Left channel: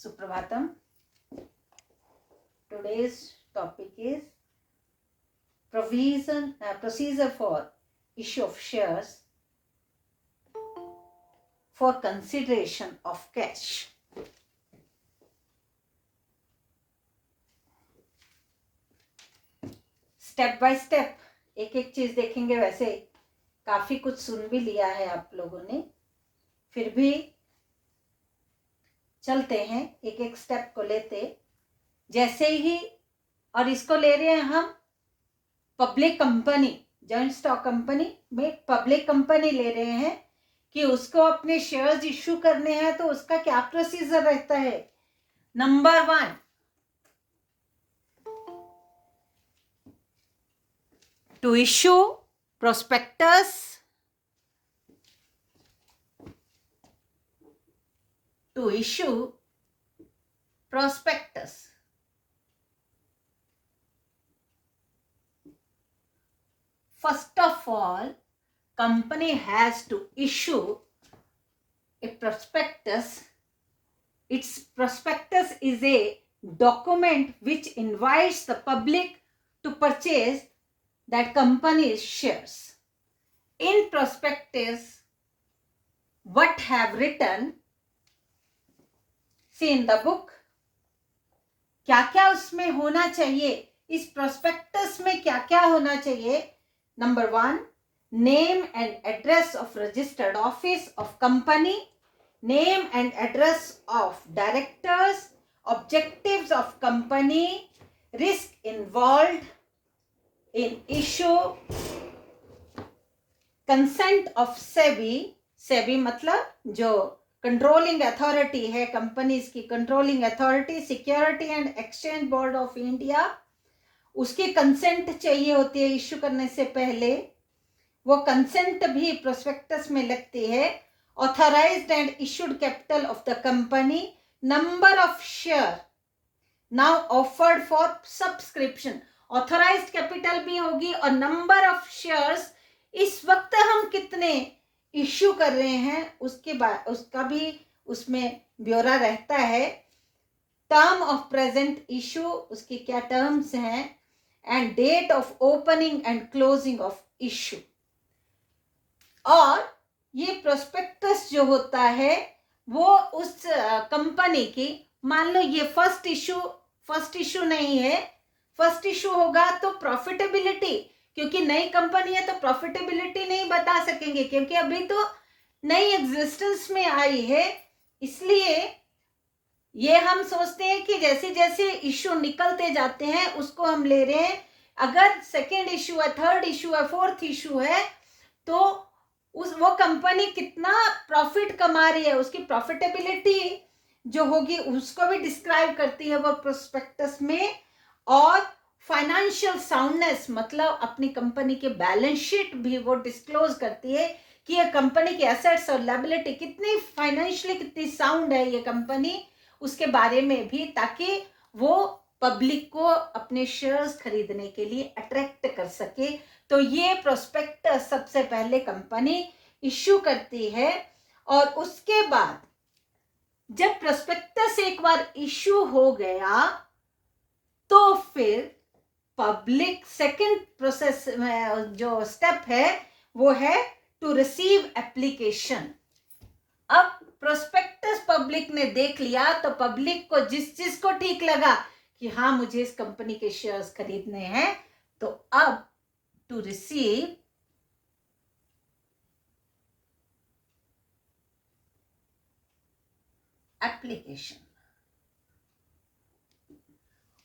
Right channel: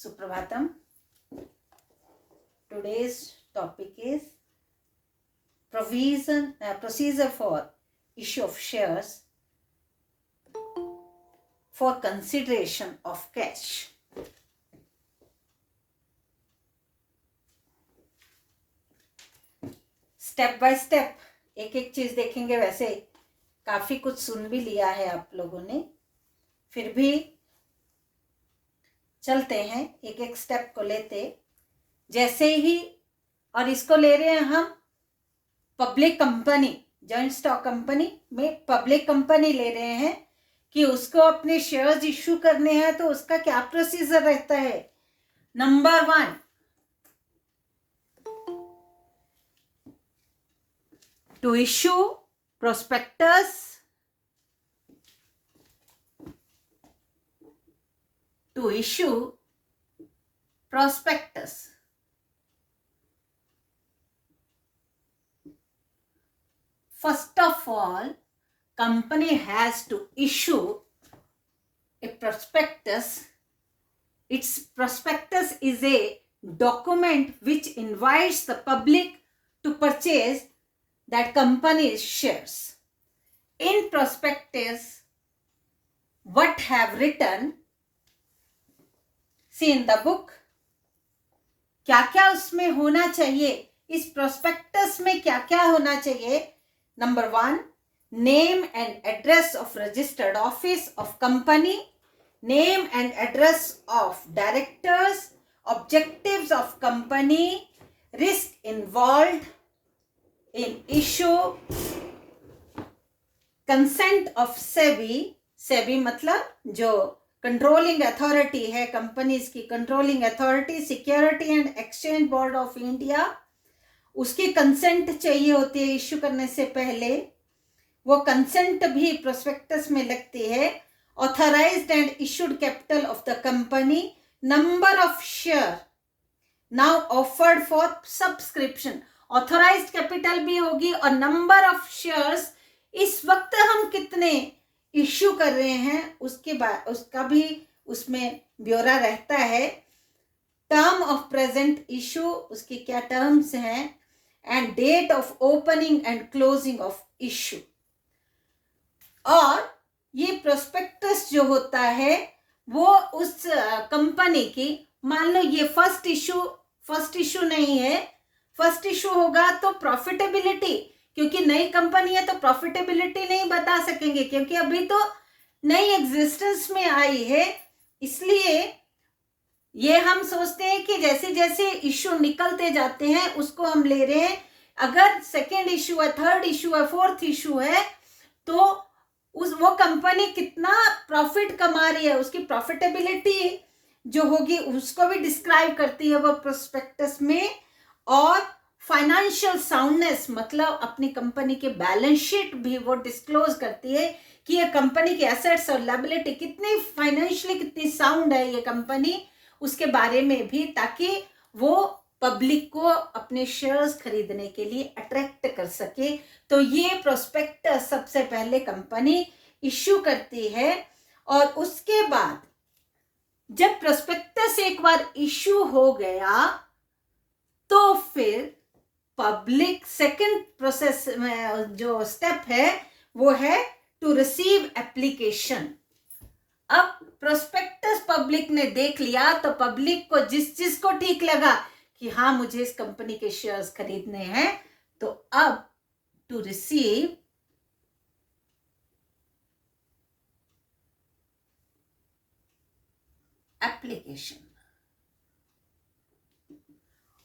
Suprabhatam. Today's topic is procedure for issue of shares for consideration of cash. Step by step एक एक चीज देखेंगे। वैसे काफी कुछ सुन भी लिया है आप लोगों ने, फिर भी चलते हैं एक एक स्टेप को लेते। जैसे ही और इसको ले रहे हैं हम public company, joint stock company में पब्लिक कंपनी ले रहे हैं कि उसको अपने शेयर्स इश्यू करने हैं, तो उसका क्या प्रोसीजर रहता है। Number 1, to issue prospectus, first of all, company has to issue a prospectus. Its prospectus is a document which invites the public to purchase that company's shares. In prospectus, what have written, see in the book, क्या क्या उसमें होना चाहिए, इस prospectus में क्या क्या होना चाहिए। Number 1, name and address of registered office of company, name and address of directors, objectives of company, risk involved in issue, consent of SEBI मतलब जो कंट्रोलिंग अथॉरिटी है कंपनीज की, controlling authority, security and exchange board of India, उसकी consent चाहिए होती है issue करने से पहले। वो कंसेंट भी प्रोस्पेक्टस में लगती है। Authorised and issued capital of the company, number of share now offered for subscription, authorised capital भी होगी और नंबर ऑफ शेयर्स इस वक्त हम कितने इश्यू कर रहे हैं उसके बाद उसका भी उसमें ब्यौरा रहता है। टर्म ऑफ प्रेजेंट इशू, उसकी क्या टर्म्स हैं, and date of opening and closing of issue. और ये प्रोस्पेक्टस जो होता है वो उस कंपनी की, मान लो ये फर्स्ट इशू नहीं है, फर्स्ट इशू होगा तो प्रॉफिटेबिलिटी, क्योंकि नई कंपनी है तो प्रॉफिटेबिलिटी नहीं बता सकेंगे क्योंकि अभी तो नई एग्जिस्टेंस में आई है। इसलिए ये हम सोचते हैं कि जैसे जैसे इशू निकलते जाते हैं उसको हम ले रहे हैं। अगर सेकेंड इशू है, थर्ड इशू है, फोर्थ इशू है, तो वो कंपनी कितना प्रॉफिट कमा रही है, उसकी प्रॉफिटेबिलिटी जो होगी उसको भी डिस्क्राइब करती है वो प्रोस्पेक्टस में। और फाइनेंशियल साउंडनेस मतलब अपनी कंपनी के बैलेंस शीट भी वो डिस्क्लोज करती है कि ये कंपनी की एसेट्स और लायबिलिटी कितनी फाइनेंशियली कितनी साउंड है ये कंपनी, उसके बारे में भी, ताकि वो पब्लिक को अपने शेयर्स खरीदने के लिए अट्रैक्ट कर सके। तो ये प्रोस्पेक्टस सबसे पहले कंपनी इश्यू करती है। और उसके बाद जब प्रोस्पेक्टस एक बार इश्यू हो गया तो फिर पब्लिक सेकंड प्रोसेस में जो स्टेप है वो है टू रिसीव एप्लीकेशन। अब प्रोस्पेक्टस पब्लिक ने देख लिया तो पब्लिक को जिसको ठीक लगा कि हाँ मुझे इस कंपनी के शेयर्स खरीदने हैं, तो अब टू रिसीव एप्लीकेशन।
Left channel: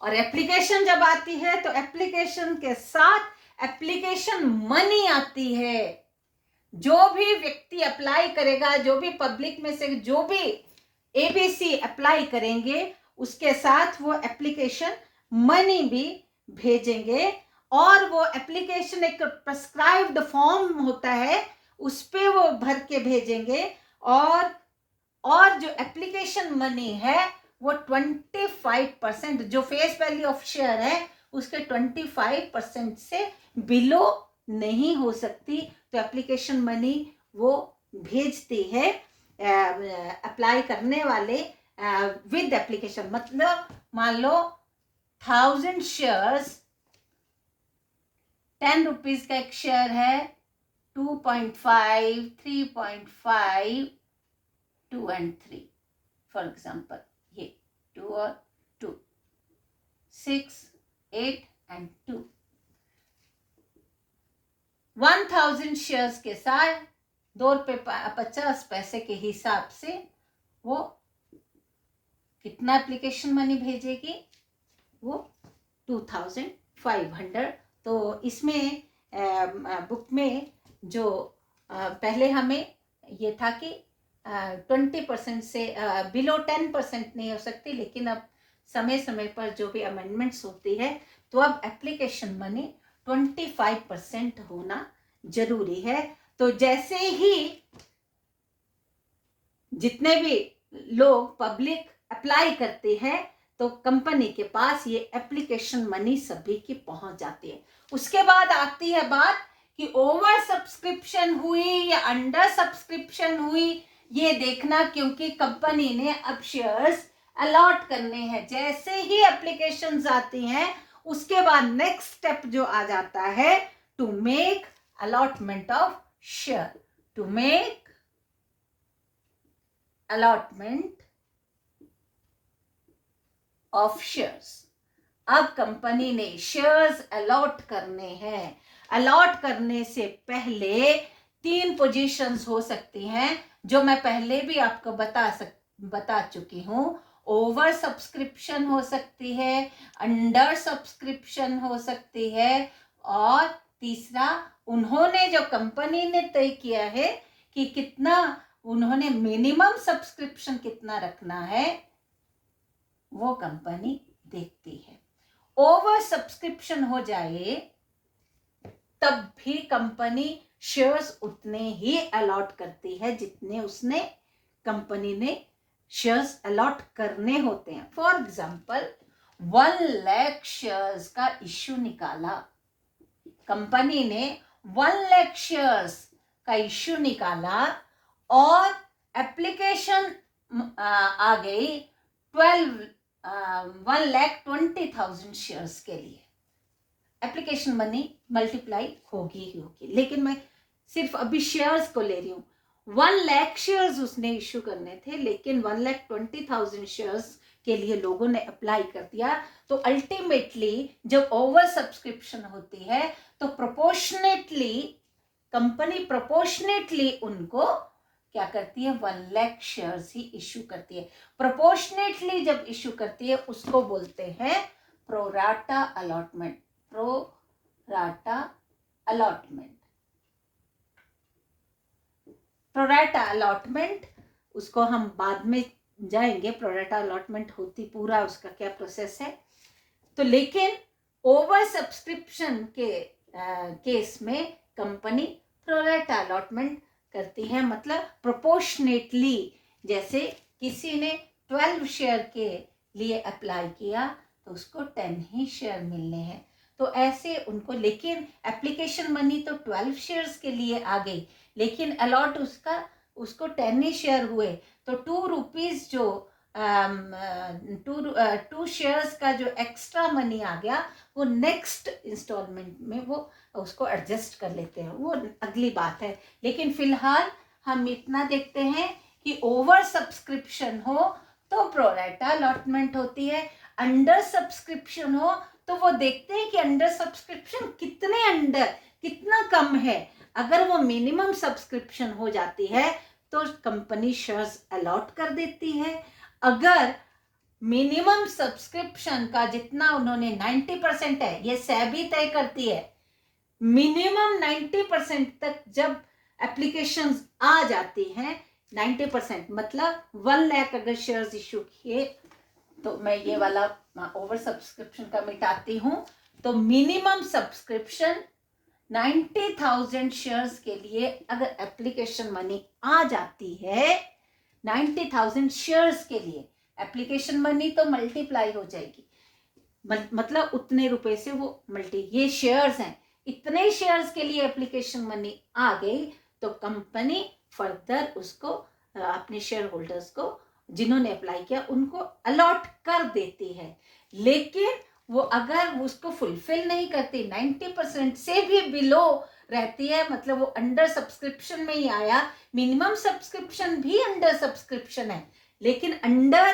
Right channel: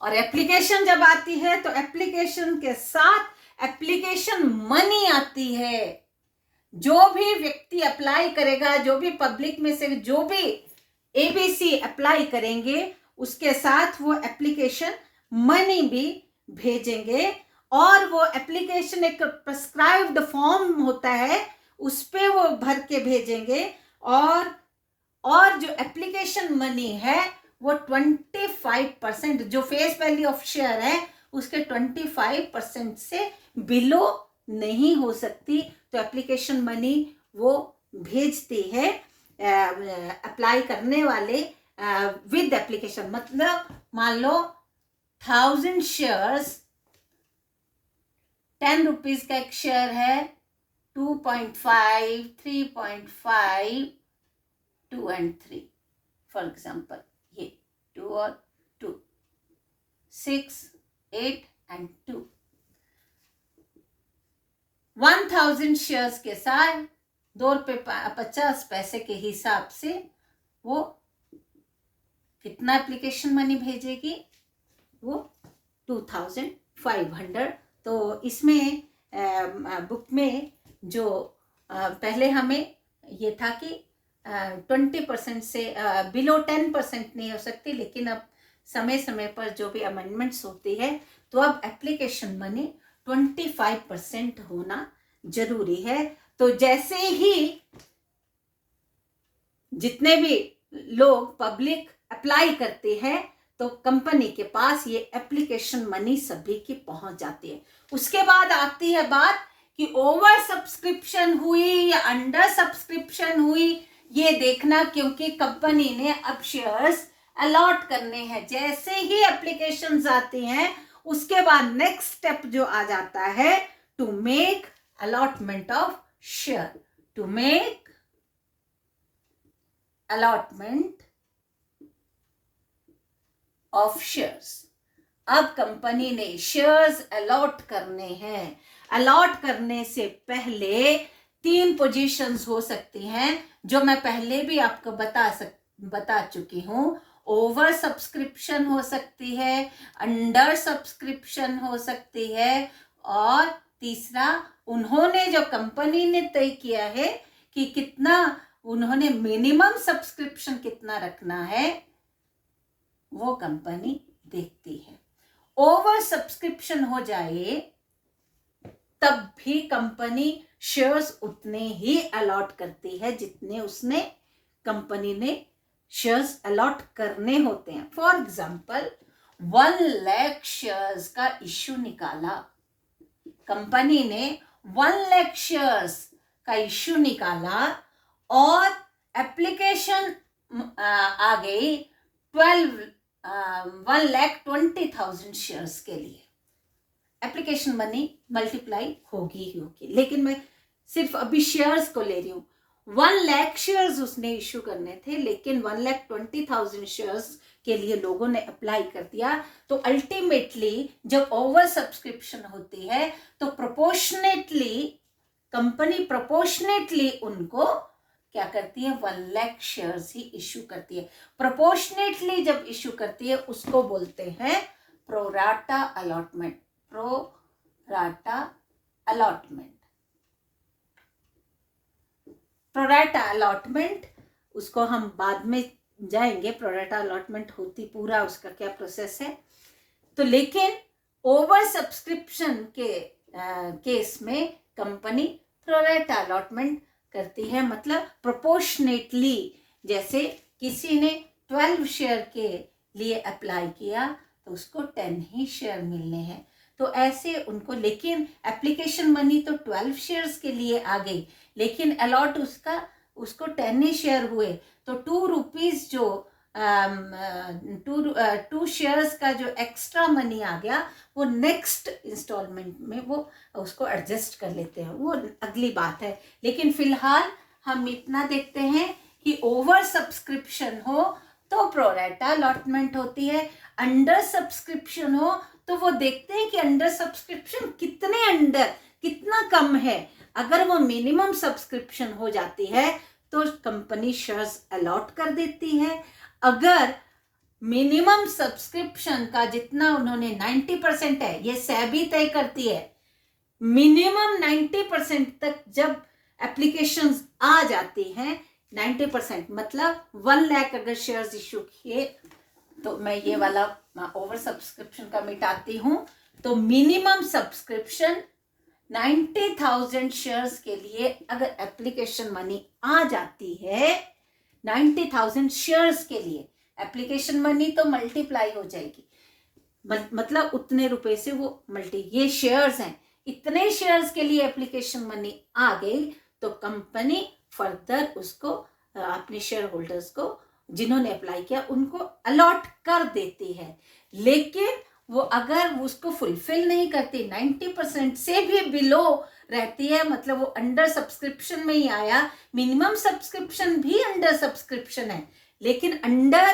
और एप्लीकेशन जब आती है तो एप्लीकेशन के साथ एप्लीकेशन मनी आती है। जो भी व्यक्ति अप्लाई करेगा, जो भी पब्लिक में से जो भी एबीसी अप्लाई करेंगे, उसके साथ वो एप्लीकेशन मनी भी भेजेंगे। और वो एप्लीकेशन एक प्रिस्क्राइब्ड फॉर्म होता है, उस पे वो भर के भेजेंगे। और जो एप्लीकेशन मनी है वो 25% जो फेस वैल्यू ऑफ शेयर है उसके 25% से बिलो नहीं हो सकती। तो एप्लीकेशन मनी वो भेजती है अप्लाई करने वाले विद एप्लीकेशन, मतलब मान लो 1000 शेयर्स, 10 रुपीज का एक शेयर है, 2.5, 3.5, 2 and 3 फॉर एग्जाम्पल, ये 2 और 2, 6, 8 and 2, 1000 शेयर्स के साथ ₹2.50 के हिसाब से वो कितना एप्लीकेशन मनी भेजेगी, वो 2500। तो इसमें बुक में जो पहले हमें ये था कि 20% से बिलो 10% नहीं हो सकती, लेकिन अब समय समय पर जो भी अमेंडमेंट्स होती है तो अब एप्लीकेशन मनी 25% होना जरूरी है। तो जैसे ही जितने भी लोग पब्लिक अप्लाई करते हैं तो कंपनी के पास ये एप्लीकेशन मनी सभी की पहुंच जाती है। उसके बाद आती है बात कि ओवर सब्सक्रिप्शन हुई या अंडर सब्सक्रिप्शन हुई, ये देखना, क्योंकि कंपनी ने अब शेयर्स अलॉट करने हैं। जैसे ही एप्लीकेशंस आती हैं उसके बाद नेक्स्ट स्टेप जो आ जाता है, to make allotment of share, to make allotment of shares. अब कंपनी ने शेयर्स अलॉट करने हैं। अलॉट करने से पहले 3 पोजीशंस हो सकती हैं जो मैं पहले भी आपको बता चुकी हूं। ओवर सब्सक्रिप्शन हो सकती है, अंडर सब्सक्रिप्शन हो सकती है, और तीसरा, उन्होंने जो कंपनी ने तय किया है कि कितना उन्होंने मिनिमम सब्सक्रिप्शन कितना रखना है, वो कंपनी देखती है। ओवर सब्सक्रिप्शन हो जाए तब भी कंपनी शेयर्स उतने ही अलॉट करती है जितने उसने कंपनी ने शेयर्स अलॉट करने होते हैं। फॉर एग्जाम्पल 1 लाख शेयर्स का इश्यू निकाला, कंपनी ने 1 लाख शेयर्स का इश्यू निकाला और एप्लीकेशन आ गई 1,20,000 शेयर्स के लिए। एप्लीकेशन मनी मल्टीप्लाई होगी ही होगी, लेकिन मैं सिर्फ अभी शेयर्स को ले रही हूँ। 1 लाख शेयर्स उसने इश्यू करने थे, लेकिन 1,20,000 शेयर्स के लिए लोगों ने अप्लाई कर दिया। तो अल्टीमेटली जब ओवर सब्सक्रिप्शन होती है तो प्रोपोर्शनेटली कंपनी प्रोपोर्शनेटली उनको क्या करती है, 1 लाख शेयर्स ही इश्यू करती है। प्रोपोर्शनेटली जब इश्यू करती है उसको बोलते हैं pro rata allotment. Pro rata allotment, pro rata allotment, उसको हम बाद में जाएंगे प्रोराटा अलॉटमेंट होती पूरा उसका क्या प्रोसेस है। तो लेकिन ओवर सब्सक्रिप्शन के केस में कंपनी प्रोराटा अलॉटमेंट करती है, मतलब प्रोपोर्शनेटली। जैसे किसी ने 12 शेयर के लिए अप्लाई किया तो उसको 10 ही शेयर मिलने हैं, तो ऐसे उनको, लेकिन एप्लीकेशन मनी तो 12 शेयर्स के लिए आ गई, लेकिन अलॉट उसको 10 ही शेयर हुए, तो 2 रुपीज जो 2 शेयर्स का जो एक्स्ट्रा मनी आ गया वो नेक्स्ट इंस्टॉलमेंट में वो उसको एडजस्ट कर लेते हैं, वो अगली बात है। लेकिन फिलहाल हम इतना देखते हैं कि ओवर सब्सक्रिप्शन हो तो प्रोराटा अलॉटमेंट होती है, अंडर सब्सक्रिप्शन हो तो वो देखते हैं कि अंडर सब्सक्रिप्शन कितना कम है। अगर वो मिनिमम सब्सक्रिप्शन हो जाती है तो कंपनी शेयर्स अलॉट कर देती है। अगर मिनिमम सब्सक्रिप्शन का जितना उन्होंने 90% है, ये सेबी तय करती है, मिनिमम 90% तक जब एप्लीकेशंस आ जाती हैं, 90% मतलब 1 लाख अगर शेयर्स इश्यू किए, तो मैं ये वाला ओवर सब्सक्रिप्शन का मिटाती हूं, तो मिनिमम सब्सक्रिप्शन 90,000 शेयर्स के लिए अगर एप्लीकेशन मनी आ जाती है, 90,000 शेयर्स के लिए एप्लीकेशन मनी तो मल्टीप्लाई हो जाएगी, मतलब उतने रुपए से वो ये शेयर्स हैं, इतने शेयर्स के लिए एप्लीकेशन मनी आ गई तो कंपनी फर्दर उसको अपने शेयर होल्डर्स को जिन्होंने अप्लाई किया उनको अलॉट कर देती है। लेकिन वो अगर उसको फुलफिल नहीं करती, 90% से भी बिलो रहती है, मतलब वो अंडर सब्सक्रिप्शन में ही आया, मिनिमम सब्सक्रिप्शन भी अंडर सब्सक्रिप्शन है, लेकिन अंडर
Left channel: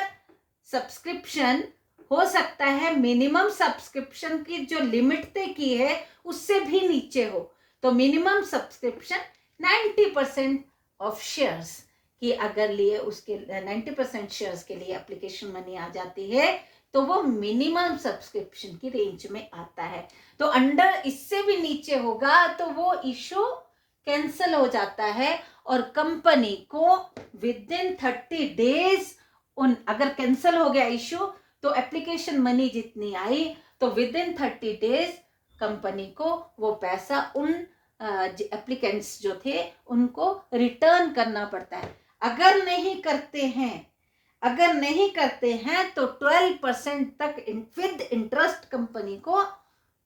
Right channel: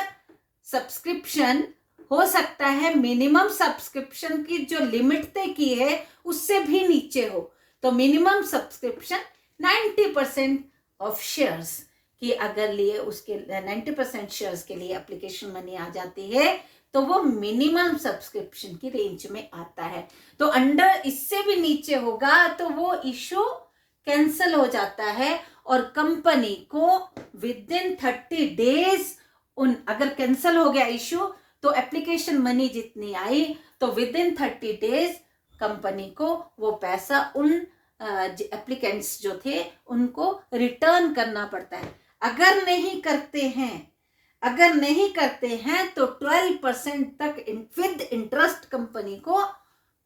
सब्सक्रिप्शन हो सकता है मिनिमम सब्सक्रिप्शन की जो लिमिट तय की है उससे भी नीचे हो, तो मिनिमम सब्सक्रिप्शन 90% ऑफ शेयर्स कि अगर लिए उसके 90% शेयर्स के लिए एप्लीकेशन मनी आ जाती है तो वो मिनिमम सब्सक्रिप्शन की रेंज में आता है। तो अंडर इससे भी नीचे होगा तो वो इशू कैंसिल हो जाता है और कंपनी को विद इन 30 डेज अगर कैंसिल हो गया इशू तो एप्लीकेशन मनी जितनी आई तो विद इन 30 डेज कंपनी को वो पैसा उन एप्लीकेंट्स जो थे उनको रिटर्न करना पड़ता है। अगर नहीं करते हैं तो 12% तक विद इंटरेस्ट कंपनी को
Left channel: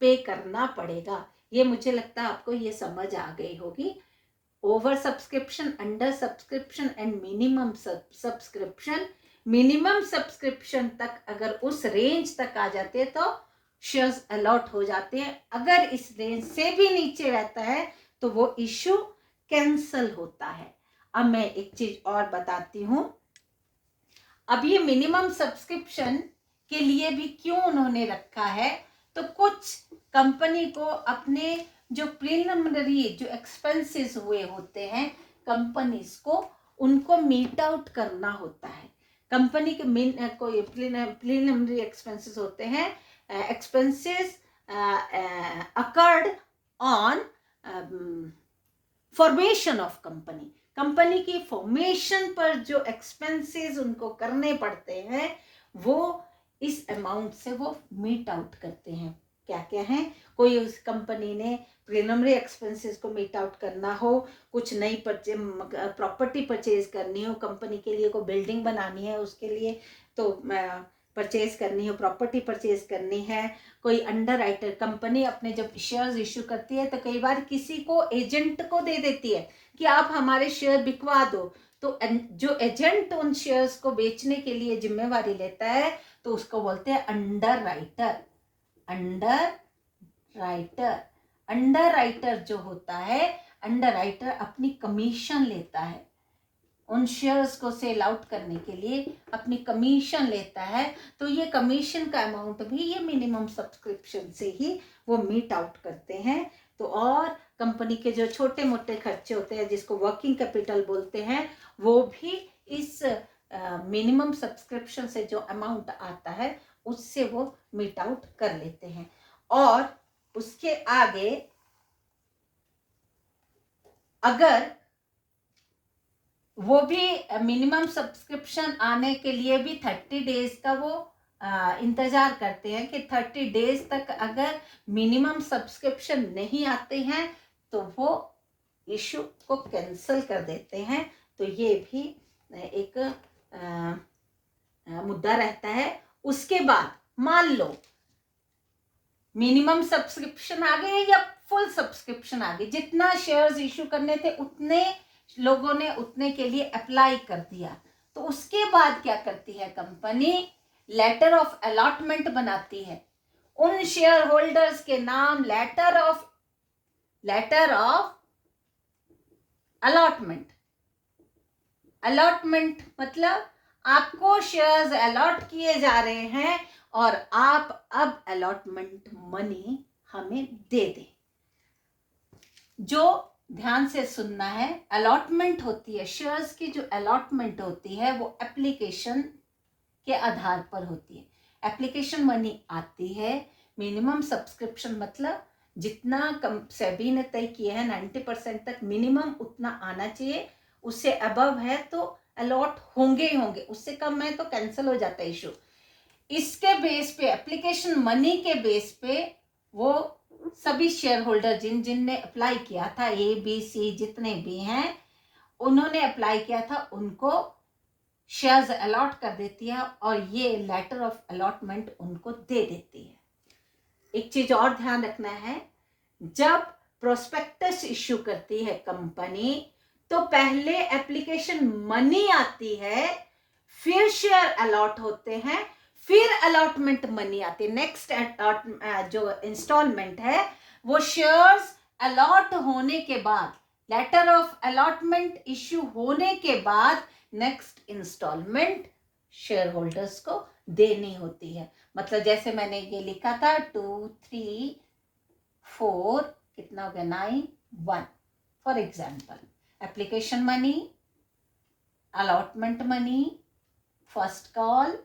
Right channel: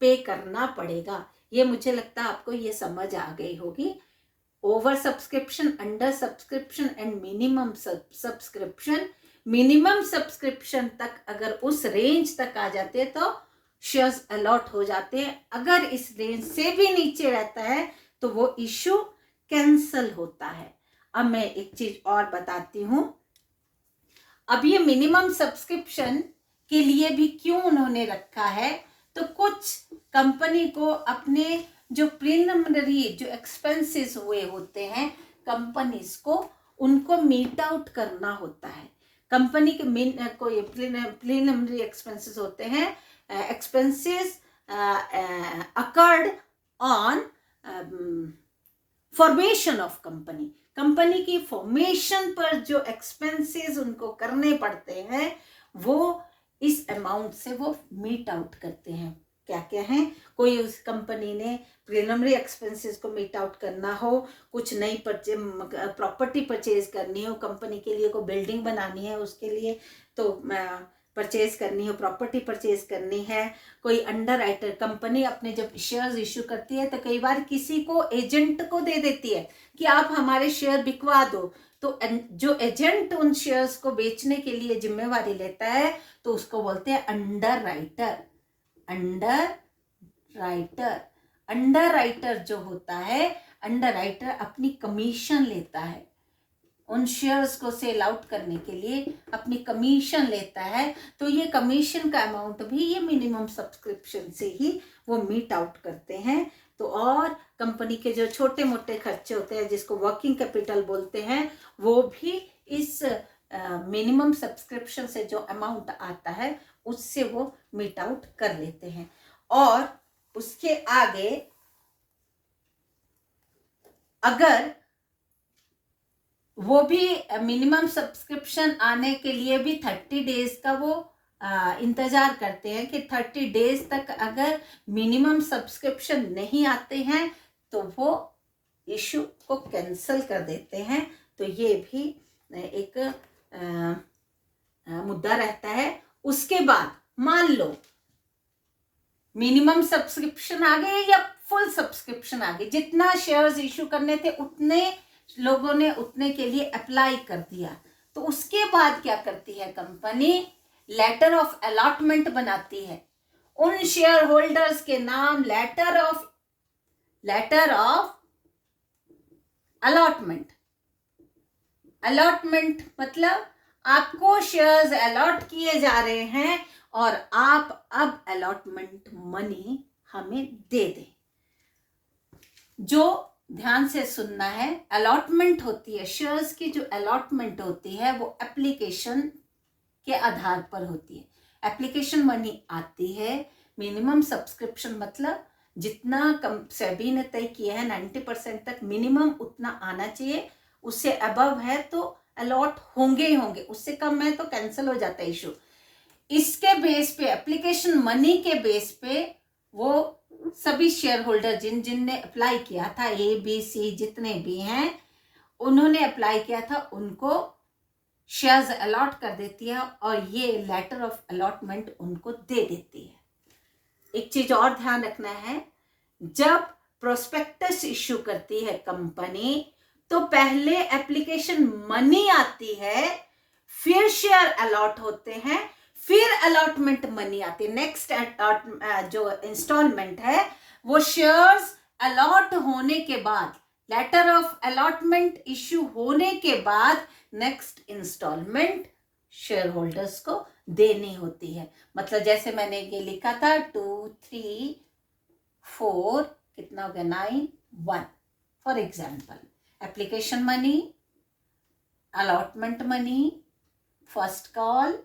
पे करना पड़ेगा। ये मुझे लगता है आपको ये समझ आ गई होगी। Over subscription, under subscription and minimum subscription. Minimum subscription तक अगर उस रेंज तक आ जाते हैं तो शेयर्स अलॉट हो जाते हैं, अगर इस रेंज से भी नीचे रहता है तो वो इशू कैंसल होता है। अब मैं एक चीज और बताती हूं, अब ये मिनिमम सब्सक्रिप्शन के लिए भी क्यों उन्होंने रखा है, तो कुछ कंपनी को अपने जो प्रीलिमिनरी जो एक्सपेंसेस हुए होते हैं कंपनीज को, उनको मीट आउट करना होता है। कंपनी के कोई प्रीलिमिनरी एक्सपेंसेस होते हैं, expenses occurred on formation of company. Company की फॉर्मेशन पर जो एक्सपेंसेस उनको करने पड़ते हैं वो इस अमाउंट से वो मीट आउट करते हैं। क्या क्या है, कोई उस कंपनी ने प्रीलिमिनरी एक्सपेंसेस को मीट आउट करना हो, कुछ नई प्रॉपर्टी परचेज करनी हो, कंपनी के लिए कोई बिल्डिंग बनानी है उसके लिए तो परचेज करनी हो, प्रॉपर्टी परचेज करनी है, कोई अंडर राइटर कंपनी अपने जब शेयर्स इश्यू करती है तो कई बार किसी को एजेंट को दे देती है कि आप हमारे शेयर बिकवा दो, तो जो एजेंट उन शेयर्स को बेचने के लिए जिम्मेवारी लेता है तो उसको बोलते हैं अंडर राइटर। अंडर राइटर जो होता है, अंडर राइटर अपनी कमीशन लेता है, उन शेयर्स को सेल आउट करने के लिए अपनी कमीशन लेता है, तो ये कमीशन का अमाउंट भी ये मिनिमम सब्सक्रिप्शन से ही वो मीट आउट करते हैं। तो और कंपनी के जो छोटे मोटे खर्चे होते हैं जिसको वर्किंग कैपिटल बोलते हैं वो भी इस मिनिमम सब्सक्रिप्शन से जो अमाउंट आता है उससे वो मीट आउट कर लेते हैं। और उसके आगे अगर वो भी मिनिमम सब्सक्रिप्शन आने के लिए भी 30 डेज का वो इंतजार करते हैं कि 30 डेज तक अगर मिनिमम सब्सक्रिप्शन नहीं आते हैं तो वो इशू को कैंसिल कर देते हैं। तो ये भी एक मुद्दा रहता है। उसके बाद मान लो मिनिमम सब्सक्रिप्शन आ गए या फुल सब्सक्रिप्शन आ गई, जितना शेयर्स इशू करने थे उतने लोगों ने उतने के लिए अप्लाई कर दिया, तो उसके बाद क्या करती है कंपनी, लेटर ऑफ अलॉटमेंट बनाती है उन शेयर होल्डर्स के नाम, लेटर ऑफ अलॉटमेंट मतलब आपको शेयर्स अलॉट किए जा रहे हैं और आप अब अलॉटमेंट मनी हमें दे दें। जो ध्यान से सुनना है, अलॉटमेंट होती है, शेयर्स की जो अलॉटमेंट होती है वो एप्लीकेशन के आधार पर होती है। एप्लीकेशन मनी आती है, मिनिमम सब्सक्रिप्शन मतलब जितना सेबी ने तय किया है 90% तक मिनिमम उतना आना चाहिए, उससे अबव है तो अलॉट होंगे ही होंगे, उससे कम है तो कैंसिल हो जाता है इशू। इसके बेस पे, एप्लीकेशन मनी के बेस पे वो सभी शेयर होल्डर जिनने अप्लाई किया था, ABC जितने भी हैं उन्होंने अप्लाई किया था, उनको शेयर्स अलॉट कर देती है और ये लेटर ऑफ अलॉटमेंट उनको दे देती है। एक चीज और ध्यान रखना है, जब प्रोस्पेक्टस इश्यू करती है कंपनी तो पहले एप्लीकेशन मनी आती है, फिर शेयर अलॉट होते हैं, फिर अलॉटमेंट मनी आती है। नेक्स्ट जो इंस्टॉलमेंट है वो शेयर्स अलॉट होने के बाद, लेटर ऑफ अलॉटमेंट इश्यू होने के बाद नेक्स्ट इंस्टॉलमेंट शेयर होल्डर्स को देनी होती है। मतलब जैसे मैंने ये लिखा था 2, 3, 4, कितना हो गया 9, 1। For example, application money, allotment money, first call,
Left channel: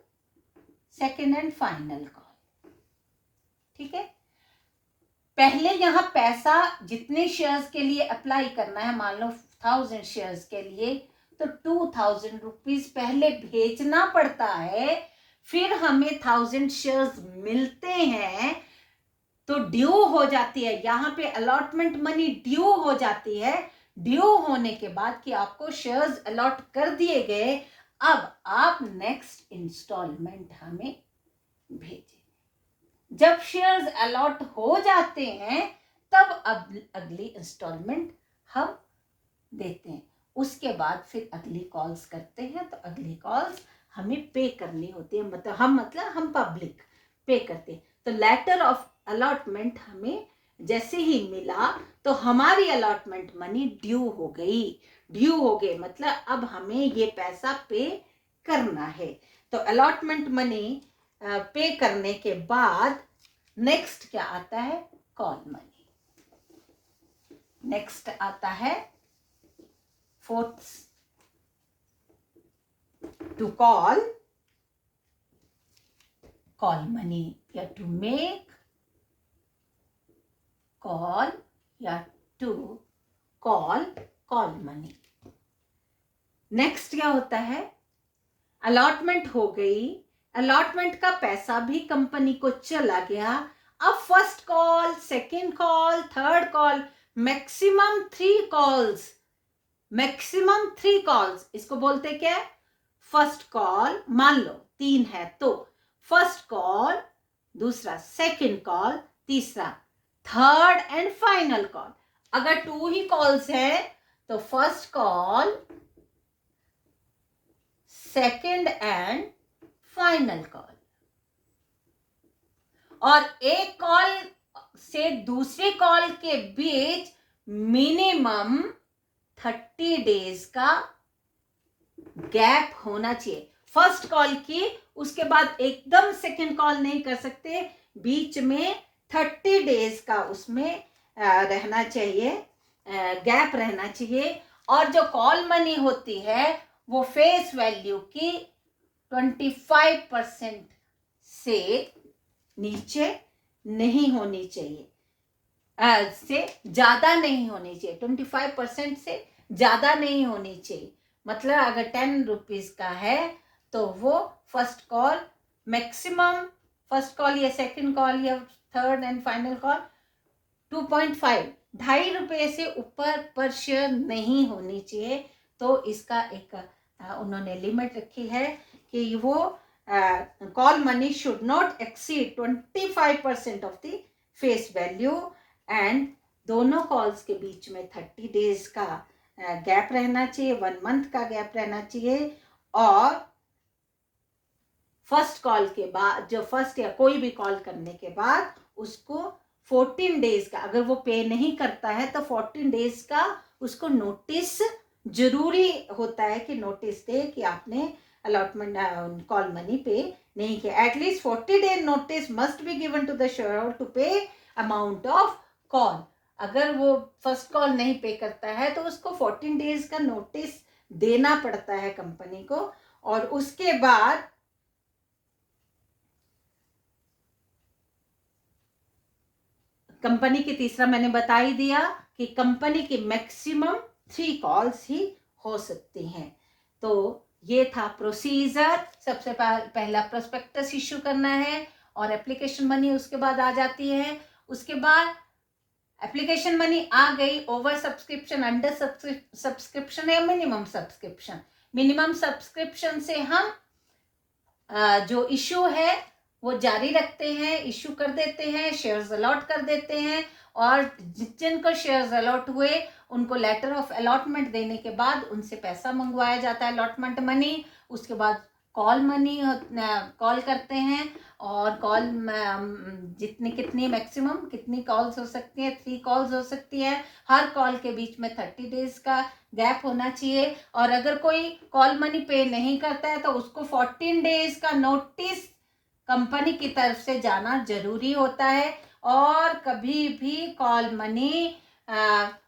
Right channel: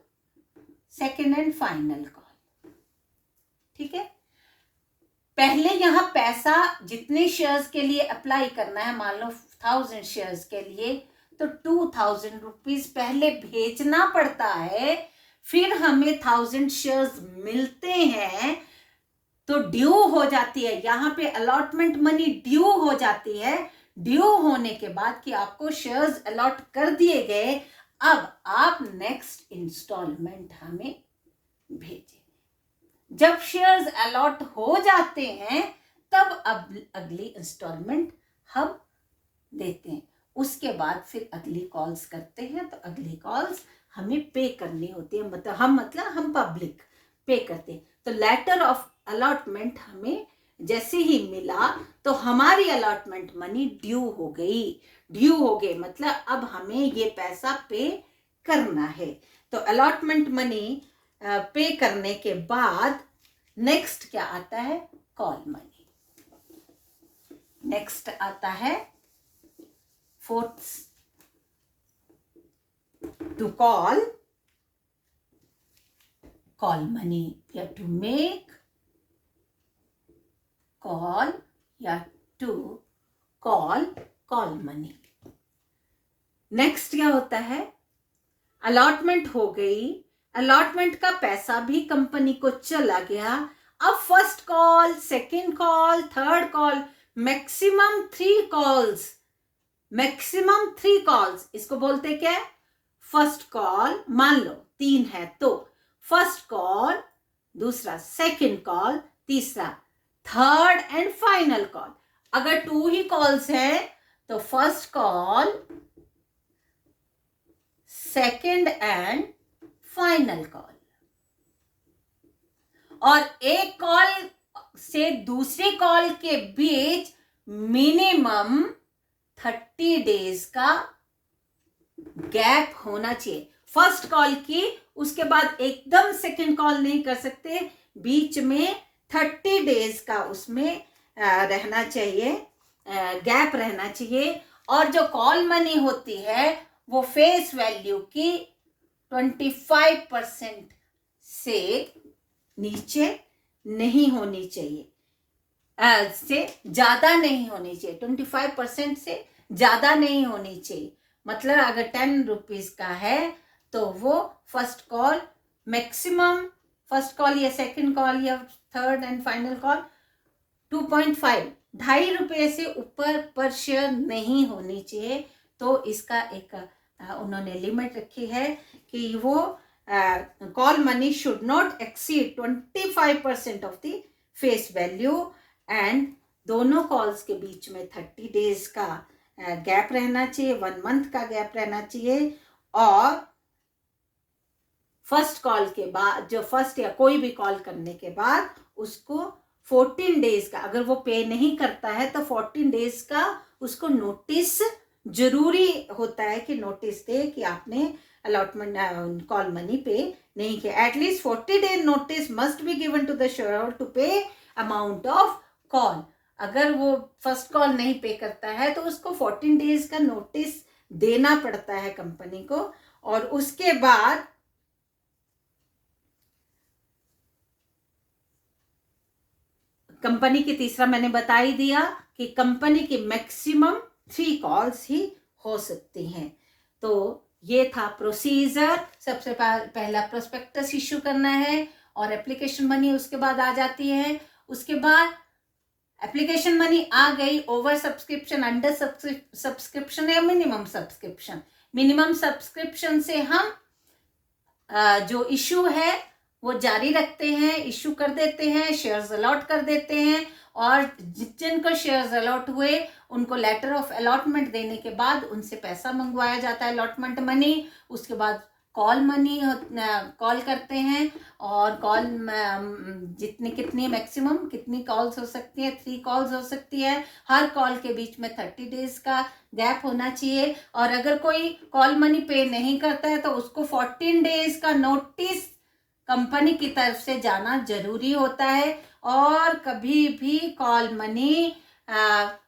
second and final call. ठीक है, पहले यहां पैसा जितने शेयर्स के लिए अप्लाई करना है, मान लो 1000 शेयर्स के लिए, तो 2000 रुपीज पहले भेजना पड़ता है, फिर हमें 1000 शेयर्स मिलते हैं तो ड्यू हो जाती है। यहां पे अलॉटमेंट मनी ड्यू हो जाती है। ड्यू होने के बाद कि आपको शेयर्स अलॉट कर दिए गए, अब आप नेक्स्ट इंस्टॉलमेंट हमें भेजें। जब शेयर्स अलॉट हो जाते हैं तब अब अगली इंस्टॉलमेंट हम देते हैं। उसके बाद फिर अगली कॉल्स करते हैं, तो अगली कॉल्स हमें पे करनी होती है, मतलब हम पब्लिक पे करते हैं। तो लेटर ऑफ अलॉटमेंट हमें जैसे ही मिला तो हमारी अलॉटमेंट मनी ड्यू हो गई। ड्यू हो गए मतलब अब हमें ये पैसा पे करना है। तो अलॉटमेंट मनी पे करने के बाद नेक्स्ट क्या आता है, कॉल मनी। नेक्स्ट आता है फोर्थ, टू कॉल मनी, या टू मेक कॉल, या टू कॉल मनी। नेक्स्ट क्या होता है, अलॉटमेंट हो गई, अलॉटमेंट का पैसा भी कंपनी को चला गया। अब first call, second call, third call, maximum 3 calls, इसको बोलते क्या है, फर्स्ट कॉल। मान लो 3 है तो फर्स्ट कॉल, दूसरा सेकेंड कॉल, तीसरा थर्ड एंड फाइनल कॉल। अगर 2 ही कॉल्स है तो first call, second and final call. और एक कॉल से दूसरे कॉल के बीच मिनिमम 30 डेज का गैप होना चाहिए। फर्स्ट कॉल की, उसके बाद एकदम सेकेंड कॉल नहीं कर सकते, बीच में 30 डेज का उसमें रहना चाहिए, गैप रहना चाहिए। और जो कॉल मनी होती है वो फेस वैल्यू की 25% से नीचे नहीं होनी चाहिए, से ज्यादा नहीं होनी चाहिए, 25% से ज्यादा नहीं होनी चाहिए। मतलब अगर 10 रुपीज का है तो वो first call, maximum first call या सेकंड कॉल या थर्ड एंड फाइनल कॉल 2.5, 2.5 रुपये से ऊपर पर शेयर नहीं होनी चाहिए। तो इसका एक उन्होंने लिमिट रखी है कि वो call money should not exceed 25% of the face value, and दोनों कॉल्स के बीच में 30 डेज का गैप रहना चाहिए, 1 मंथ का गैप रहना चाहिए। और फर्स्ट कॉल के बाद, जो फर्स्ट या कोई भी कॉल करने के बाद उसको 14 डेज का, अगर वो पे नहीं करता है तो 14 डेज का उसको नोटिस जरूरी होता है कि नोटिस दे कि आपने अलॉटमेंट कॉल मनी पे नहीं किया। At least 40 day notice must be given to the shareholder to pay amount of call. अगर वो फर्स्ट कॉल नहीं पे करता है तो उसको 14 डेज का नोटिस देना पड़ता है कंपनी को। और उसके बाद कंपनी की तीसरा मैंने बता ही दिया कि कंपनी की मैक्सिमम 3 कॉल्स ही हो सकती हैं। तो ये था प्रोसीजर। सबसे पहला प्रोस्पेक्टस इश्यू करना है और एप्लीकेशन मनी उसके बाद आ जाती है। उसके बाद एप्लीकेशन मनी आ गई, ओवर सब्सक्रिप्शन, अंडर सब्सक्रिप्शन या मिनिमम सब्सक्रिप्शन। मिनिमम सब्सक्रिप्शन से हम जो इश्यू है वो जारी रखते हैं, इश्यू कर देते हैं, शेयर्स अलॉट कर देते हैं। और जिनको शेयर्स अलॉट हुए उनको लेटर ऑफ अलॉटमेंट देने के बाद उनसे पैसा मंगवाया जाता है, अलॉटमेंट मनी। उसके बाद कॉल मनी कॉल करते हैं, और कॉल कितनी मैक्सिमम कितनी कॉल्स हो सकती है, 3 कॉल्स हो सकती है। हर कॉल के बीच में 30 डेज का गैप होना चाहिए, और अगर कोई कॉल मनी पे नहीं करता है तो उसको 14 डेज का नोटिस कंपनी की तरफ से जाना जरूरी होता है। और कभी भी कॉल मनी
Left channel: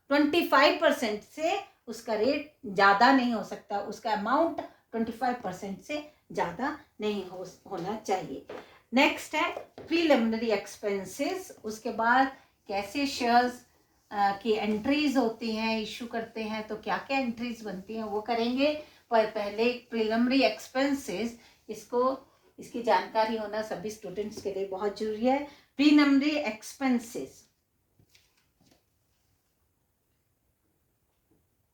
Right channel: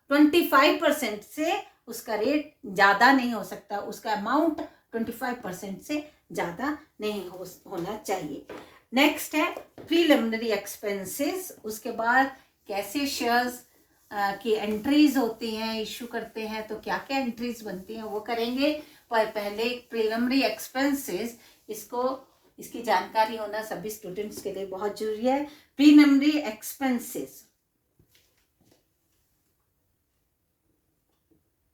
25% से उसका रेट ज़्यादा नहीं हो सकता, उसका अमाउंट 25% से ज़्यादा नहीं होना चाहिए। नेक्स्ट है प्रीलिमिनरी एक्सपेंसेस। उसके बाद कैसे शेयर्स की एंट्रीज होती हैं, इशू करते हैं तो क्या क्या एंट्रीज बनती हैं वो करेंगे। पर पहले प्रीलिमिनरी एक्सपेंसेस, इसकी जानकारी होना सभी स्टूडेंट्स के लिए बहुत जरूरी है। Preliminary expenses,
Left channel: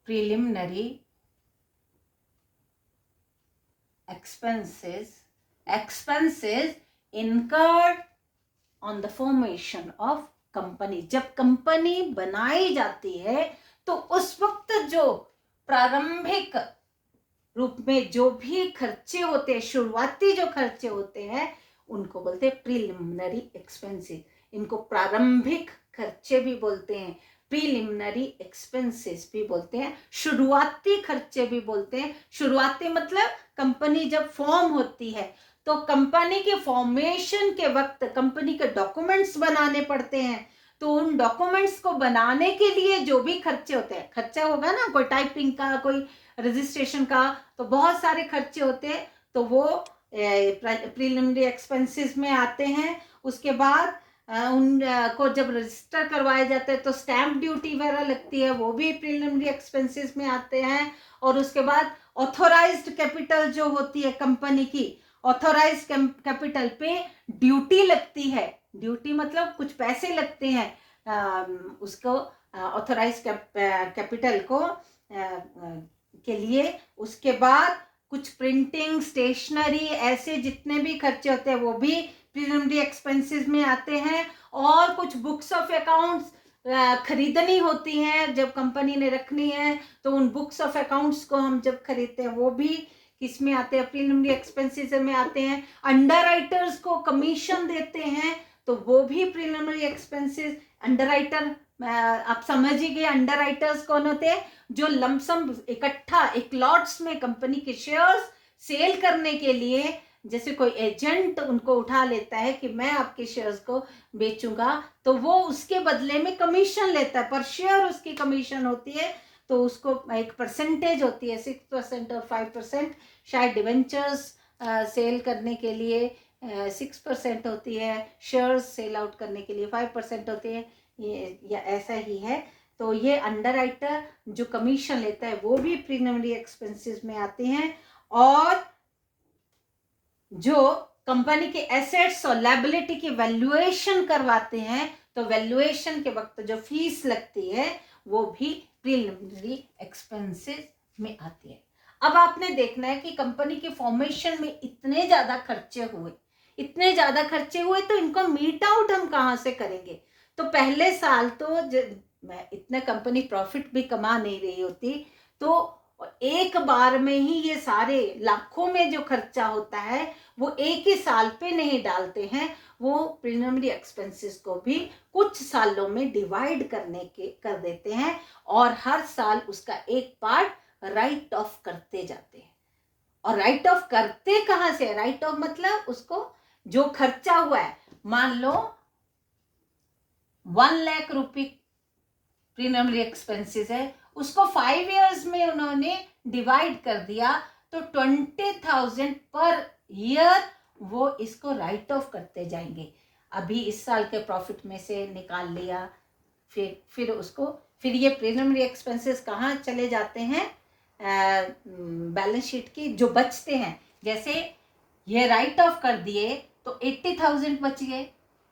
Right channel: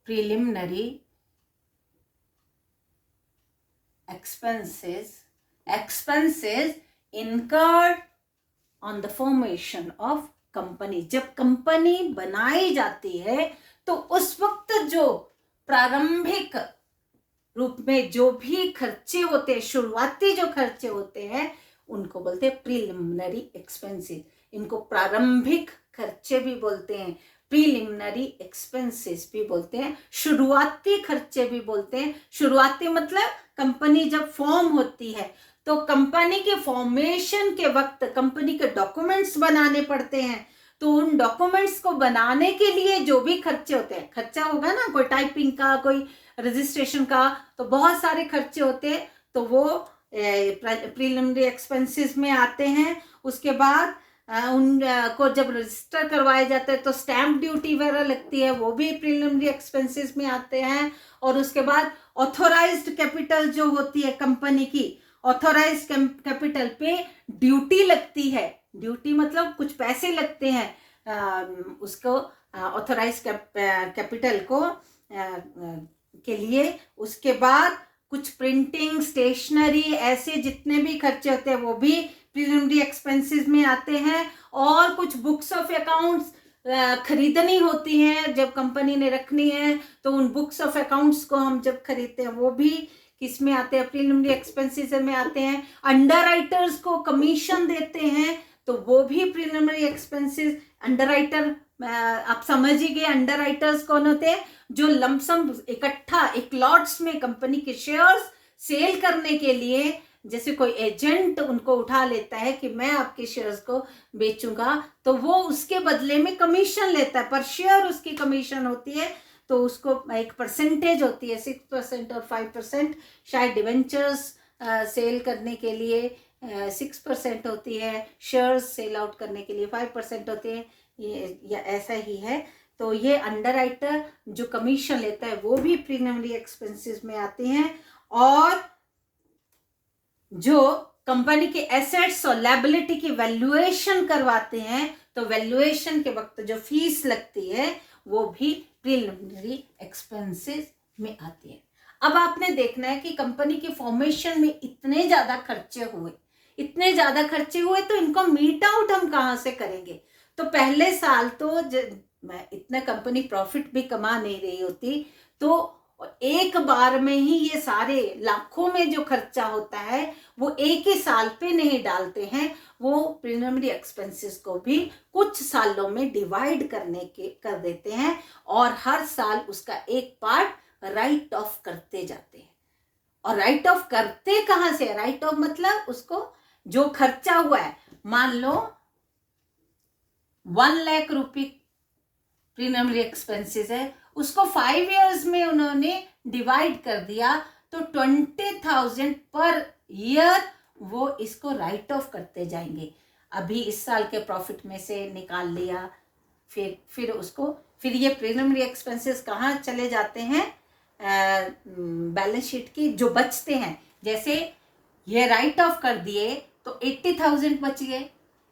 preliminary expenses incurred on the formation of company। जब कंपनी बनाई जाती है तो उस वक्त जो प्रारंभिक रूप में जो भी खर्चे होते हैं, शुरुआती जो खर्चे होते हैं, उनको बोलते हैं प्रीलिमिनरी एक्सपेंसेस। इनको प्रारंभिक खर्चे भी बोलते हैं, प्रीलिमिनरी एक्सपेंसेस भी बोलते हैं, शुरुआती खर्चे भी बोलते हैं। शुरुआती मतलब कंपनी जब फॉर्म होती है तो कंपनी के फॉर्मेशन के वक्त कंपनी के डॉक्यूमेंट्स बनाने पड़ते हैं। तो उन डॉक्यूमेंट्स को बनाने के लिए जो भी खर्चे होते हैं, खर्चा होगा ना, कोई टाइपिंग का, कोई रजिस्ट्रेशन का, तो बहुत सारे खर्चे होते हैं, तो वो प्रीलिमिनरी एक्सपेंसेस में आते हैं। उसके बाद उनको जब रजिस्टर करवाए जाते हैं तो स्टैम्प ड्यूटी वगैरह लगती है, वो भी प्रीलिमिनरी एक्सपेंसेस में आते हैं। और उसके बाद ऑथोराइज्ड कैपिटल जो होती है कंपनी की, ऑथोराइज्ड कैपिटल पे ड्यूटी लगती है। ड्यूटी मतलब कुछ पैसे लगते हैं उसको ऑथोराइज्ड कैपिटल को के लिए। उसके बाद कुछ प्रिंटिंग, स्टेशनरी, ऐसे जितने भी खर्चे होते हैं वो भी प्रीलिमिनरी एक्सपेंसेस में आते हैं। और कुछ बुक्स ऑफ अकाउंट्स खरीदनी होती हैं, जब कंपनी ने रखनी है तो उन बुक्स ऑफ अकाउंट्स को हम जब खरीदते हैं वो भी किस में आते हैं, प्रीलिमिनरी एक्सपेंसेस में आते हैं। अंडर राइटर्स को कमीशन देते हैं तो वो भी प्रीलिमिनरी एक्सपेंसेस। अंडर राइटर आप समझ ही गए, अंडर राइटर्स कौन होते हैं, जो लमसम इकट्ठा एक लॉट्स में कंपनी के शेयर्स सेल करने के लिए, जैसे कोई एजेंट उनको उठा लेता है कि मैं आपके शेयर्स को बेचूंगा, तो वो उसके बदले में कमीशन लेता है, पर शेयर उसकी कमीशन होती है। तो उसको एक परसेंटेज होती है, 6% और 5%। शायद डिवेंचर्स सेल करने के लिए 6% होती है, शेयर्स सेल आउट करने के लिए 5% होती है, ये या ऐसा ही है। तो ये अंडर राइटर जो कमीशन लेता है वो भी प्रीलिमिनरी एक्सपेंसेस में आते हैं। और जो कंपनी के एसेट्स और लायबिलिटी की वैल्यूएशन करवाते हैं, तो वैल्यूएशन के वक्त जो फीस लगती है वो भी प्रीलिमिनरी एक्सपेंसेस में आती है। अब आपने देखना है कि कंपनी के फॉर्मेशन में इतने ज्यादा खर्चे हुए तो इनको मीट आउट हम कहाँ से करेंगे। तो पहले साल तो इतना कंपनी प्रॉफिट भी कमा नहीं रही होती, तो एक बार में ही ये सारे लाखों में जो खर्चा होता है वो एक ही साल पे नहीं डालते हैं, वो प्रीलिमिनरी एक्सपेंसेस को भी कुछ सालों में डिवाइड कर देते हैं, और हर साल उसका एक पार्ट राइट ऑफ करते जाते हैं। और राइट ऑफ करते कहाँ से, राइट ऑफ मतलब उसको जो खर्चा हुआ है, मान लो 1 लाख रुपए प्रीलिमिनरी एक्सपेंसेस है, उसको 5 इयर्स में उन्होंने डिवाइड कर दिया, तो 20,000 पर ईयर वो इसको राइट ऑफ करते जाएंगे। अभी इस साल के प्रॉफिट में से निकाल लिया, फिर ये प्रीलिमिनरी एक्सपेंसेस कहाँ चले जाते हैं, बैलेंस शीट की जो बचते हैं। जैसे ये राइट ऑफ कर दिए तो 80,000 बच गए,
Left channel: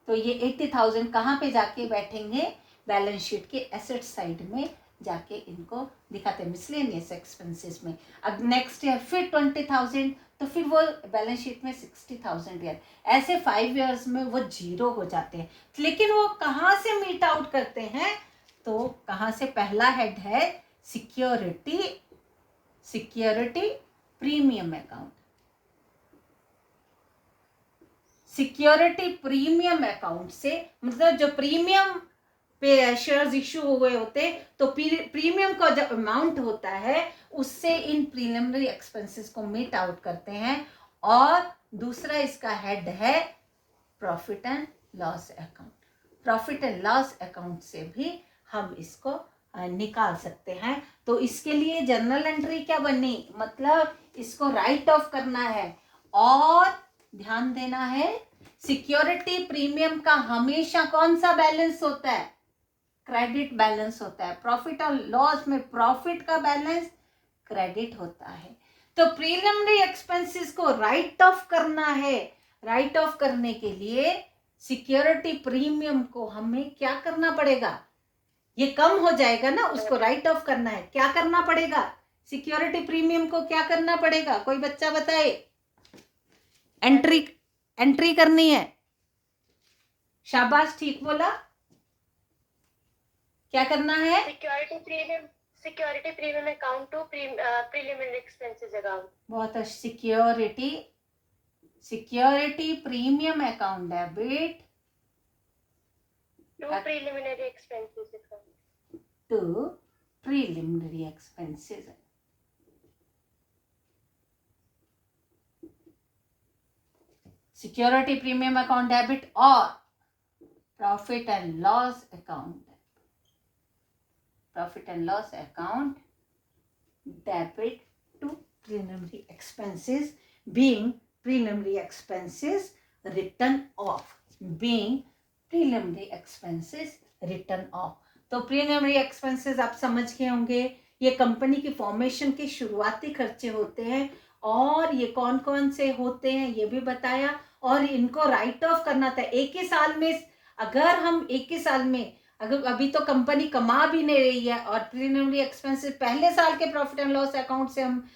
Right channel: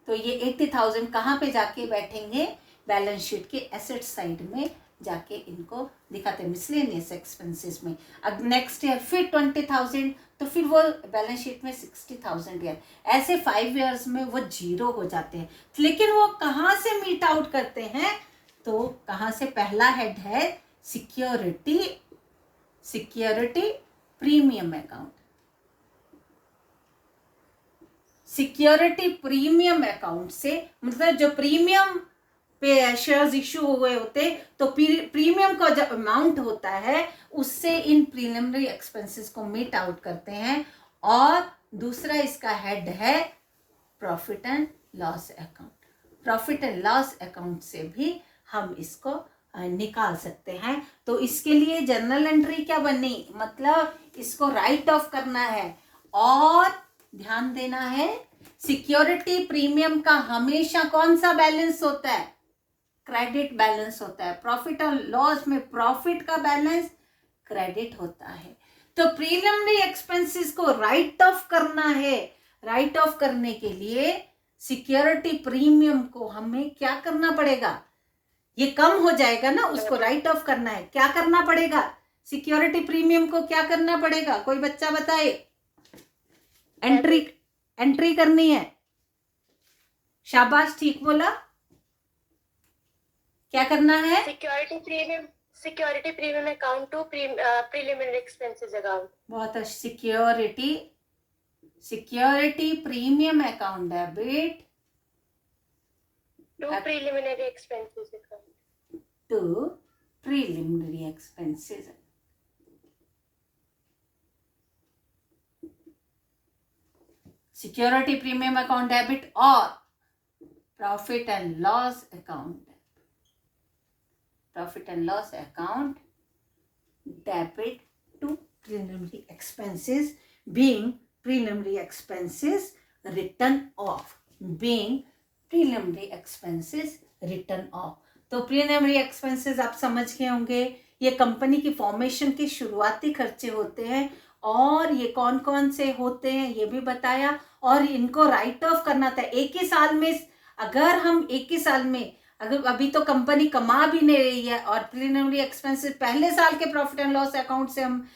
तो ये 80,000 कहाँ पे जाके बैठेंगे, बैलेंस शीट के एसेट साइड में जाके इनको दिखाते हैं मिसलेनियस एक्सपेंसेस में। अब नेक्स्ट ईयर फिर 20,000, तो फिर वो बैलेंस शीट में 60,000 ईयर, ऐसे 5 इयर्स में वो जीरो हो जाते हैं। लेकिन वो कहाँ से मीट आउट करते हैं, तो कहाँ से, पहला हेड है security premium account. Security premium account से, मतलब जो प्रीमियम पे शेयर्स इशू हुए होते तो प्रीमियम का जो अमाउंट होता है उससे इन प्रीलिमिनरी एक्सपेंसेस को मीट आउट करते हैं। और दूसरा इसका हेड है profit and loss account. Profit and loss account से भी हम इसको निकाल सकते हैं। तो इसके लिए जर्नल एंट्री क्या बनी, मतलब इसको राइट ऑफ करना है। और ध्यान देना है, सिक्योरिटी प्रीमियम का हमेशा कौन सा बैलेंस होता है, क्रेडिट बैलेंस होता है। प्रॉफिट और लॉस में प्रॉफिट का बैलेंस क्रेडिट होता है। तो प्रीलिमिनरी एक्सपेंसेस को राइट ऑफ करना है। राइट ऑफ करने के लिए सिक्योरिटी प्रीमियम को हमें क्या करना पड़ेगा, ये कम हो जाएगा ना, उसको राइट ऑफ करना है। क्या करना पड़ेगा, सिक्योरिटी प्रीमियम को क्या करना पड़ेगा, कोई बच्चा बताए। एंट्री करनी है। शाबाश, ठीक बोला। क्या करना है, security premium account to preliminary expenses account. बहुत अच्छी। Security premium account debit to preliminary expenses account, to preliminary expenses. Security premium account debit और profit and loss account, profit and loss account debit to preliminary expenses being preliminary expenses written off, being preliminary expenses written off। तो preliminary expenses आप समझ गए होंगे, ये company की formation के शुरुआती खर्चे होते हैं। और ये कौन कौन से होते हैं ये भी बताया। और इनको राइट ऑफ करना था एक ही साल में। अगर हम एक ही साल में, अगर अभी तो कंपनी कमा भी नहीं रही है और प्रीलिमिनरी एक्सपेंसेस पहले साल के प्रॉफिट एंड लॉस अकाउंट से हम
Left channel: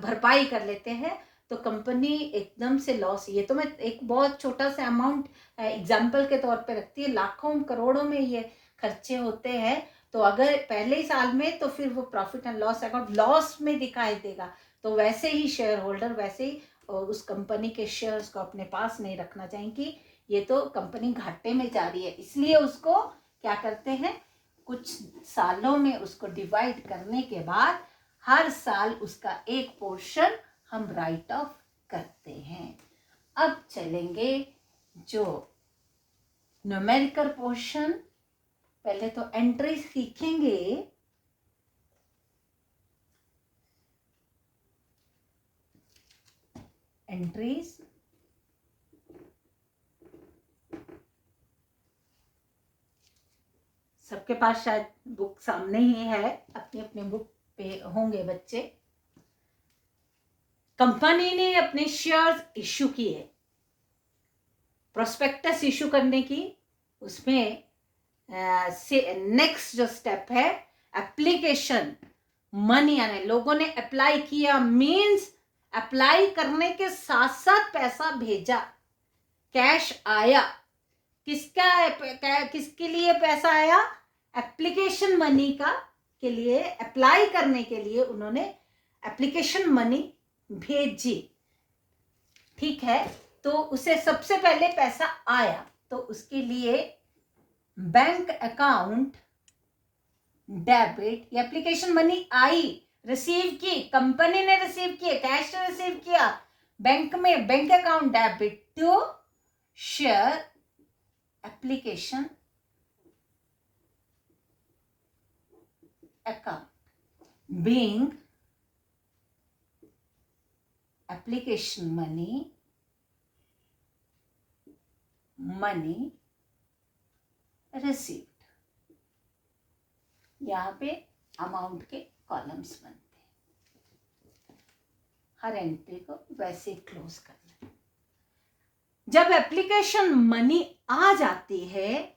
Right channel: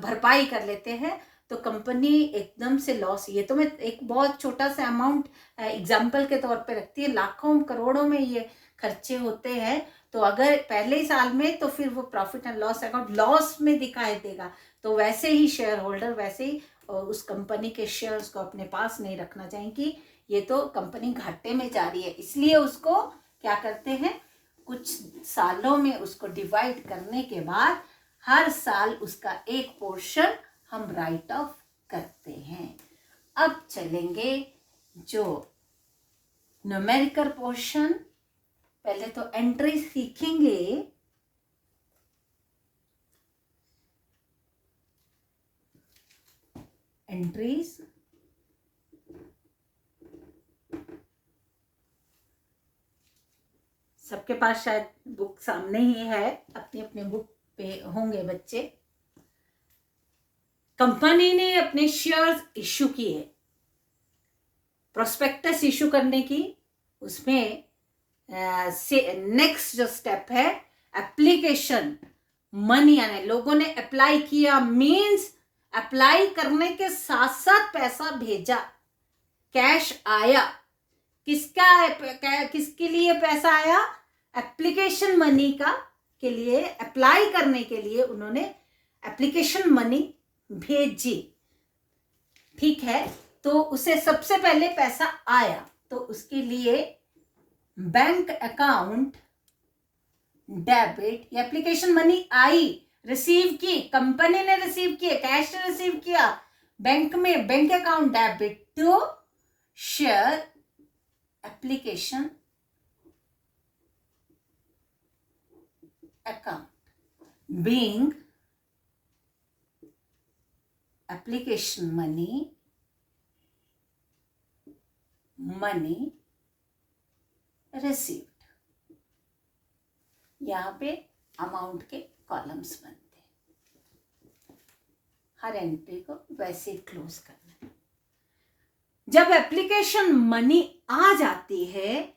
भरपाई कर लेते हैं तो कंपनी एकदम से लॉस। ये तो मैं एक बहुत छोटा सा अमाउंट एग्जाम्पल के तौर पे रखती है, लाखों करोड़ों में ये खर्चे होते हैं। तो अगर पहले ही साल में, तो फिर वो profit and loss account loss में दिखाई देगा। तो वैसे ही शेयर होल्डर वैसे ही उस कंपनी के शेयर्स को अपने पास नहीं रखना चाहेंगे। ये तो कंपनी घाटे में जा रही है, इसलिए उसको क्या करते हैं, कुछ सालों में उसको डिवाइड करने के बाद हर साल उसका एक पोर्शन हम राइट ऑफ करते हैं। अब चलेंगे जो न्यूमेरिकल पोर्शन। पहले तो एंट्री सीखेंगे। एंट्रीज सबके पास शायद बुक सामने ही है, अपनी अपनी बुक पे होंगे बच्चे। कंपनी ने अपने शेयर्स इश्यू किए, प्रोस्पेक्टस इश्यू करने की, उसमें नेक्स्ट जो स्टेप है एप्लीकेशन मनी आने, लोगों ने अप्लाई किया, मींस अप्लाई करने के साथ साथ पैसा भेजा, कैश आया। किसके लिए पैसा आया, एप्लीकेशन मनी का के लिए, अप्लाई करने के लिए उन्होंने एप्लीकेशन मनी भेजी। ठीक है, तो उसे सबसे पहले पैसा आया तो उसके लिए bank account debit, application money आई, रिसीव की, कंपनी ने रिसीव किया, कैश ने रिसीव किया, बैंक में bank account debit to share application account being application money received. यहां पे अमाउंट के कॉलम्स बनते हैं, हर एंट्री को वैसे क्लोज करना है। जब एप्लीकेशन मनी आ जाती है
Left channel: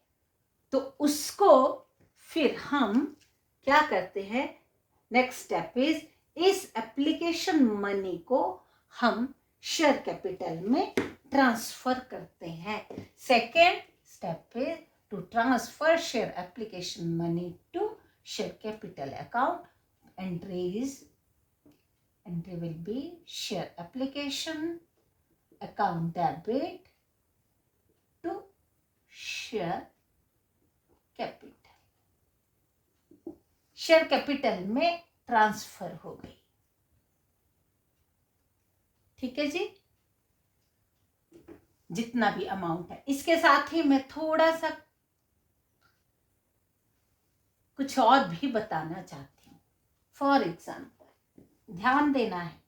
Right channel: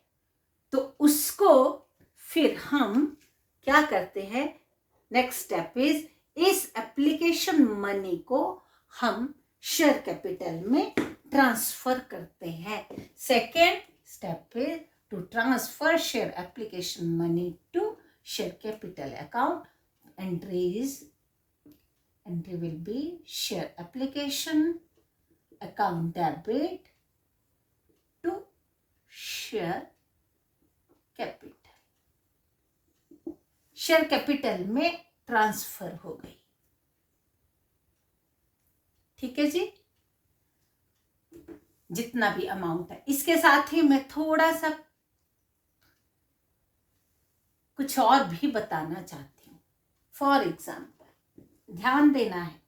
तो उसको फिर हम क्या करते हैं, नेक्स्ट स्टेप इज, इस एप्लीकेशन मनी को हम शेयर कैपिटल में ट्रांसफर करते हैं। Second step is to transfer share application money to share capital account. Entry will be share application account debit share capital, share capital में transfer हो गई। ठीक है जी, जितना भी अमाउंट है। इसके साथ ही मैं थोड़ा सा कुछ और भी बताना चाहती हूं। फॉर एग्जाम्पल, ध्यान देना है,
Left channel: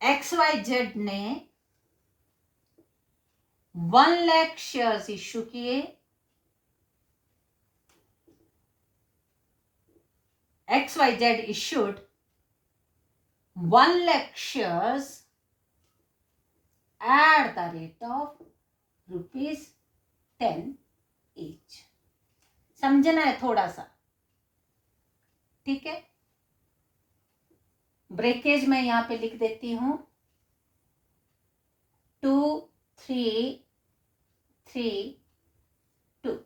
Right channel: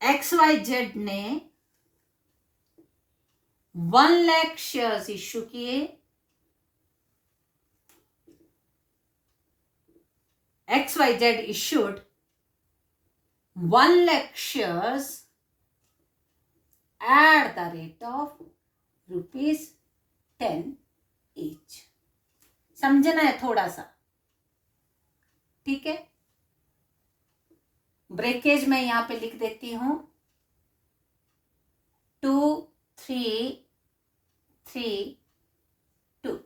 XYZ ने 1 लाख शेयर्स इश्यू किए। XYZ issued 1 lakh shares at the rate of ₹10 each। समझना है थोड़ा सा, ठीक है। ब्रेकेज मैं यहां पे लिख देती हूं, 2 3 3 2।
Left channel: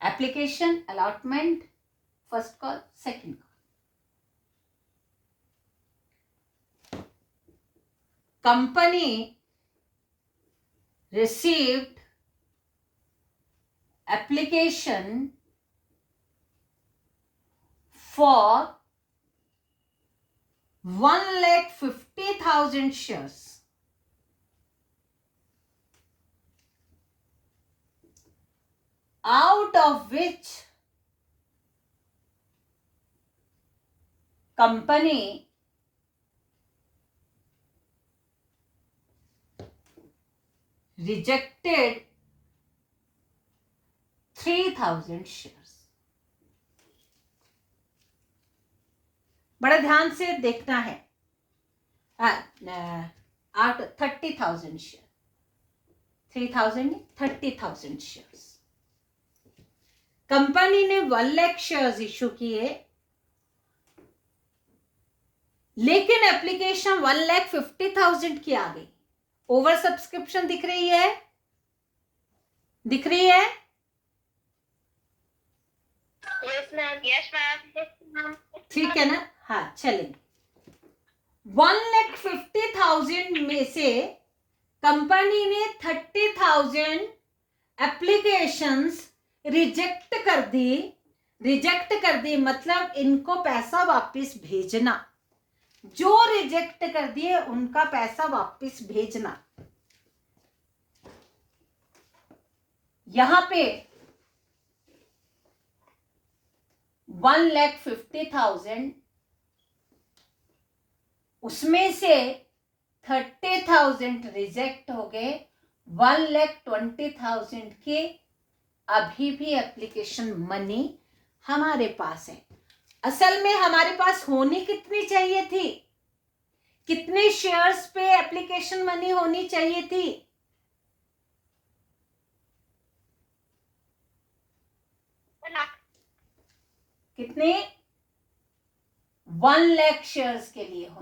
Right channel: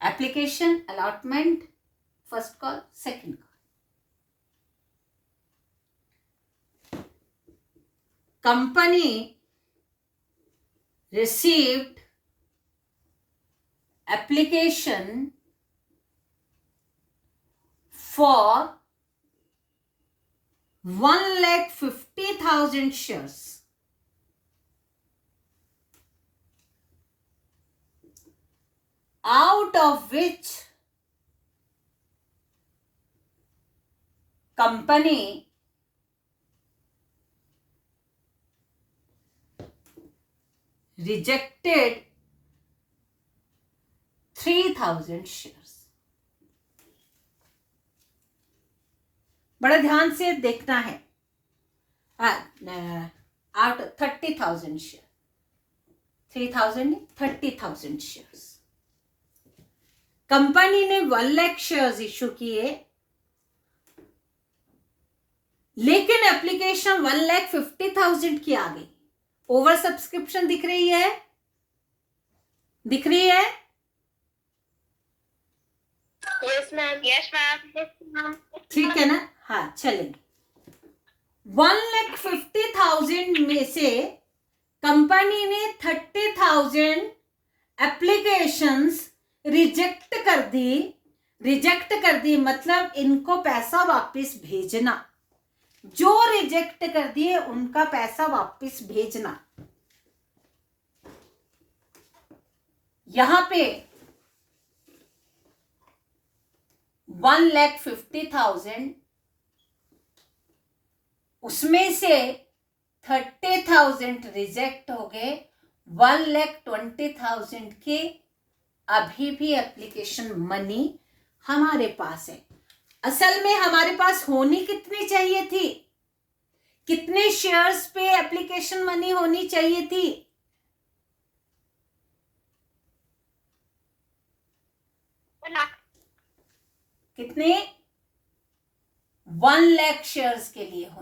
Application, allotment, first call, second call. Company received application for 1,50,000 shares, out of which company rejected 3,000 shares। बड़ा ध्यान से देखना है। आउट 30,000 शेयर, 3,000 नहीं, 30,000 शेयर्स। कंपनी ने 1 लाख शेयर्स इश्यू किए, लेकिन एप्लीकेशन 1,50,000 की आ गई। ओवर सब्सक्रिप्शन दिख रही है, दिख रही है? Yes ma'am, yes ma'am. ठीक है ना? हाँ, चलेंगे। 1,50,000 में से कंपनी ने 30,000 एप्लीकेशंस रिजेक्ट कर दी। रिजेक्ट कर दी मतलब इनको पैसा वापस भेजना। जो रिजेक्ट कर दिए उनका पैसा वापस भेजना। यहां पे 1,50,000, उसमें से 30,000 रिजेक्ट हो गए। 1,20,000 के अभी भी एप्लीकेशन मनी हमारे पास है। असल में हमारे पास होनी कितनी चाहिए थी? कितने शेयर्स पे एप्लीकेशन मनी होनी चाहिए थी? कितने? 1 लाख शेयर्स के लिए